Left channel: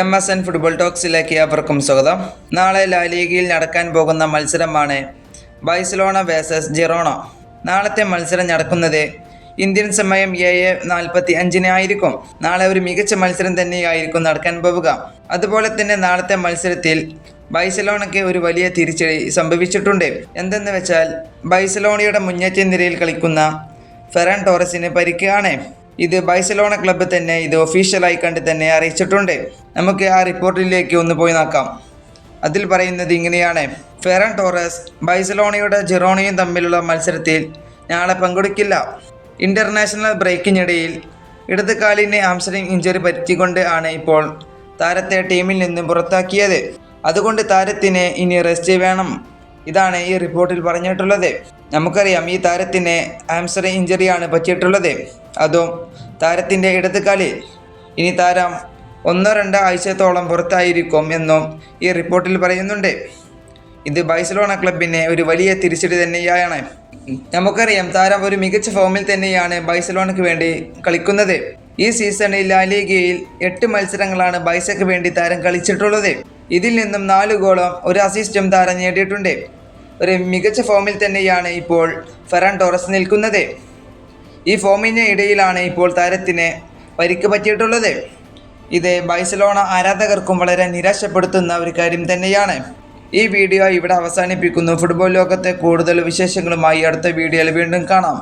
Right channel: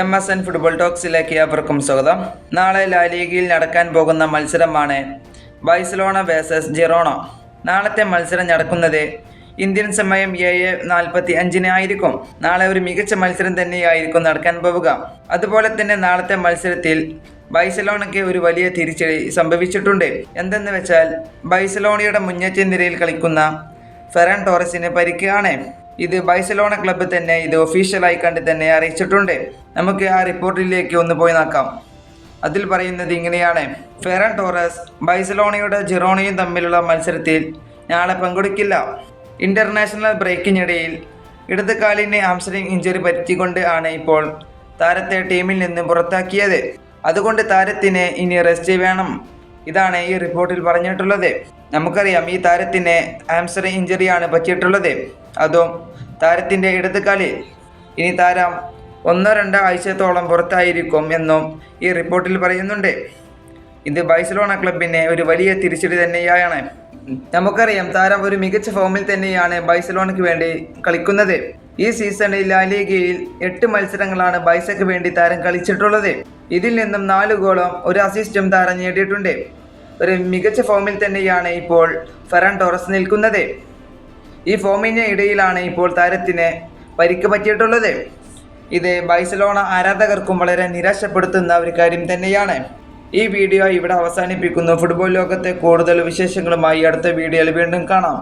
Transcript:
M S N football ടോക്സിലേക്ക് ഏവർക്കും സ്വാഗതം. നാളെ ലാലീഗയിൽ നടക്കാൻ പോകുന്ന മത്സരമാണ് ബൈസലോണ വേഴ്സസ് ജെറോണ നാളത്തെ മത്സരം നടക്കുന്നത് ഇന്ത്യൻ സമയം ഏഴ് നാൽപ്പത്തി അഞ്ചിന് ആയിരിക്കും. നാളെ ഒരു മികച്ച മത്സരം തന്നെയായിരിക്കും നടക്കാൻ പോവുക. അതുപോലെ തന്നെ നാളത്തെ മത്സരത്തിൽ ബൈസലോണയ്ക്ക് ഒരു വലിയ തിരിച്ചടി സംഭവിച്ചിട്ടുണ്ട്. എന്തെന്ന് വെച്ചാൽ ബൈസലോണയുടെ മുന്നേറ്റ നിരയിൽ കളിക്കുന്ന ഫെറാൻ ടോറസിന് പരിക്കാണ് ഇത് ബൈസലോണ ക്ലബ്ബ് തന്നെ ഇത് ഒഫീഷ്യലായി കണ്ട് തന്നെ അറിയിച്ചിട്ടുണ്ട്. നമുക്ക് ആ റിപ്പോർട്ടിലേക്ക് ഒന്ന് പോയി നോക്കാം. അതിൽ പറയുന്നത് ഇങ്ങനെയാണ്. ഫെറൻ ടോറസ് ബൈസലോണയുടെ ജിറോണയും തമ്മിലുള്ള മത്സരത്തിൽ നാളെ പങ്കെടുക്കില്ല. ഇന്റർനാഷണൽ ബ്രേക്കിനിടയിൽ ഇടത് കാലിന് ആംസ്റ്ററിംഗ് ഇഞ്ചുറി പറ്റിക്കൊണ്ട് ആണ് ഇപ്പോൾ താരത്തെ ടീമിൽ നിന്ന് പുറത്താക്കിയത്. അതുകൊണ്ട് താരത്തിന് ഇനി റെസ്റ്റ് വേണം. ഇതാണ് ഈ റിപ്പോർട്ടിൽ പറഞ്ഞിട്ടുള്ളത്. നമുക്കറിയാം ഈ താരത്തിന് ആംസ്റ്ററിംഗ് ഇഞ്ചറിയാണ് പറ്റിയിട്ടുള്ളത്. അതും താരത്തിന്റെ ഇടത് കാലിൽ ഇനി താരം ഒന്നോ രണ്ടോ ആഴ്ചത്തോളം പുറത്തായിരിക്കും എന്നും ഈ റിപ്പോർട്ടിൽ പറയുന്നുണ്ട്. ഇത് ബൈസലോണ ക്ലബിന് ഒരു വലിയ തിരിച്ചടി തന്നെയാണ്. നമുക്കറിയാം താരം ഒരു മികച്ച ഫോമിൽ തന്നെയാണ് ബൈസലോണയ്ക്ക് വേണ്ടി കളിക്കുന്നത്. ഈ സീസണിൽ ലാലിഗയിൽ എട്ട് മത്സരങ്ങളാണ് ബൈസയ്ക്ക് വേണ്ടി താരം കളിച്ചിട്ടുള്ളത്. ഇതിൽ നിന്നും നാല് ഗോളും ഒരു അസിസ്റ്റും താരം നേടിയിട്ടുണ്ട്. ഒരു മികച്ച ഫോമിൽ തന്നെയാണ് ഇപ്പോൾ ഫെറാൻ ടോറസ് നിൽക്കുന്നത്. ഈ ഫോമിന് ഇടയിലാണ് ഇപ്പോൾ താരത്തിന് പരിക്ക് പറ്റിയിട്ടുള്ളത്. ഇത് ബൈസലോണ ആരാധകർക്കും വളരെ നിരാശപ്പെടുത്തുന്ന ഒരു കാര്യം തന്നെയാണ്. ഈ വീഡിയോ ഇവിടെ അവസാനിപ്പിക്കുന്നു. ഫുട്ബോൾ ലോകത്തെ കൂടുതൽ വിശേഷങ്ങളുമായി അടുത്ത വീഡിയോയിൽ വീണ്ടും കാണാം.